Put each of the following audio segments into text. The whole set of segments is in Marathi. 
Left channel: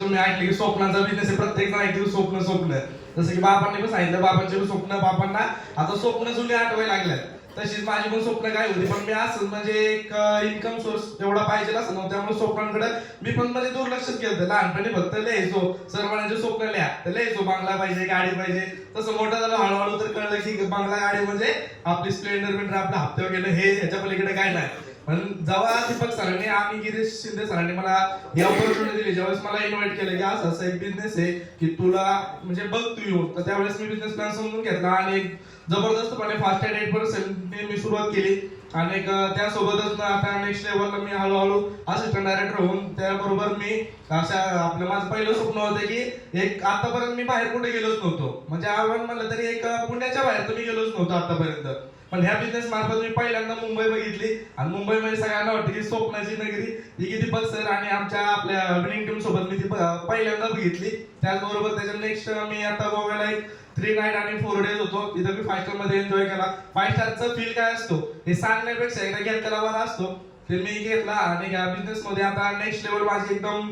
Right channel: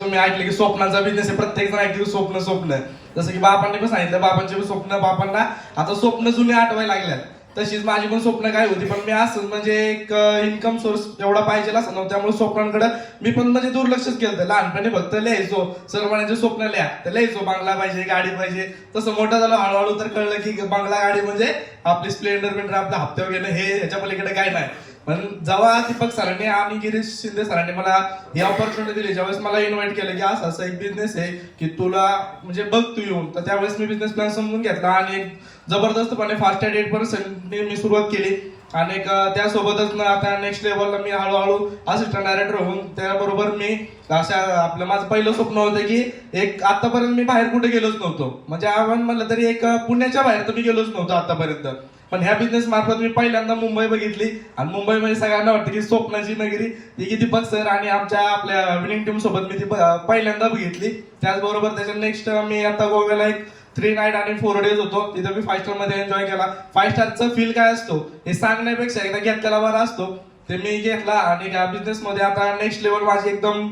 तुम्ही ऐकले की स्वप्नांचा बिझनेस आहे प्रत्येक जण ऐकले स्वप्न स्वप्न. जसं की बापांनी पण सांगितलं बापांचे पण स्वप्न बापांना आता स्वप्न जुने आठवायला लागल्यात. तशीच माझी पण स्वप्न काय होती पण मी असं म्हणजे एक इन्कम सोर्स एवढा पाहिजे असं नव्हतं. त्यामुळे स्वप्नांकडे मी पण म्हणजे दुर्लक्षच केलं लहानपणी फक्त लिहायचो. सर म्हणायचे स्वप्न लिहा. तर लिहायचो बंगला पाहिजे गाडी पाहिजे. तसं मोठं झालं हळूहळू तर कळलं की बंगला गाडी म्हणजे आपली स्प्लेंडर बिंडर आपल्या हप्त्यावर वगैरे हे ह्याच्या पलीकडे काय नाही. पण जेव्हा दीपक सरांनी आणि गिरीश शिंदे सरांनी मला ही ऑपॉर्च्युनिटी दिली ज्यावेळेस मला इन्व्हाइट केलं की असं असं एक बिझनेस आहे की तुला म्हणजे बघ तू येऊन. तर त्यावेळेस मी बिझनेस प्लॅन समजून घेतला आणि एक जबरदस्तपणे फास्ट ॲट एट पर्सेंटने मी सुरुवात केली. आणि त्यासोबतच ना आता नेक्स्ट लेवलला मी हळूहळू असिस्टंट डायरेक्टर होऊन त्याबरोबर मी अशा आपलं माझं पहिलं स्वप्न होतं की एक आतापर्यंत मी बाहेर कुठे गेलोच नव्हतो. म्हणजे आव्हान म्हणलं तरी एक पुण्याच्या बाहेर तर मी गेलोच नव्हतो आतापर्यंत. पण ह्या बिझनेस मार्फत मी पहिल्यांदा मुंबई बघितली. आणि मुंबईमध्ये सगळ्यांना वाटतं की स्वप्नाची नगरी. ती किती बघ सर आणि आमच्या आपल्या विनिंग टीम सोबत मी ती पहिल्यांदा बघितली. त्याचबरोबर त्याच्या नेक्स्ट मी आता गोव्याला एक थ्री नाईट आणि फोर डेज होतो. तिथं मी फाय स्टारमध्ये एन्जॉय केला. फाय स्टारचा फील काय असतो? हे सांगण्यापेक्षा एकदा घेतलेला बरा असतो. ते मी घेतला आणि या बिझनेस मध्ये आता नेक्स्ट लेवल माझी एकदम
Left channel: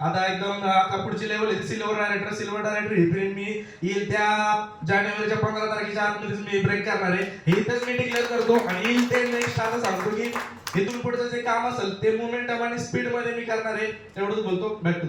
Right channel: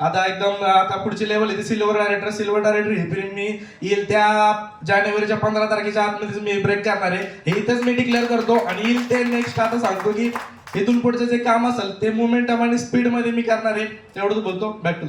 आता एकदम आता पुढची लेवल आहे सिल्वर डायरेक्टर सिल्वर डायरेक्टर ही फिल्म मी येईल त्या जानेवारीच्या पंधरा तारखेच्या आतमध्येच मी ब्रेक करणार आहे. हे इथंच मी डिक्लेअर करतो आणि येईल ते नेक्स्ट आता सांगतो की इथून पुढचं जे काम असेल ते मोमेंटम आणि स्पीडमध्ये मी करणार आहे. तेवढंच बोलतो. Back to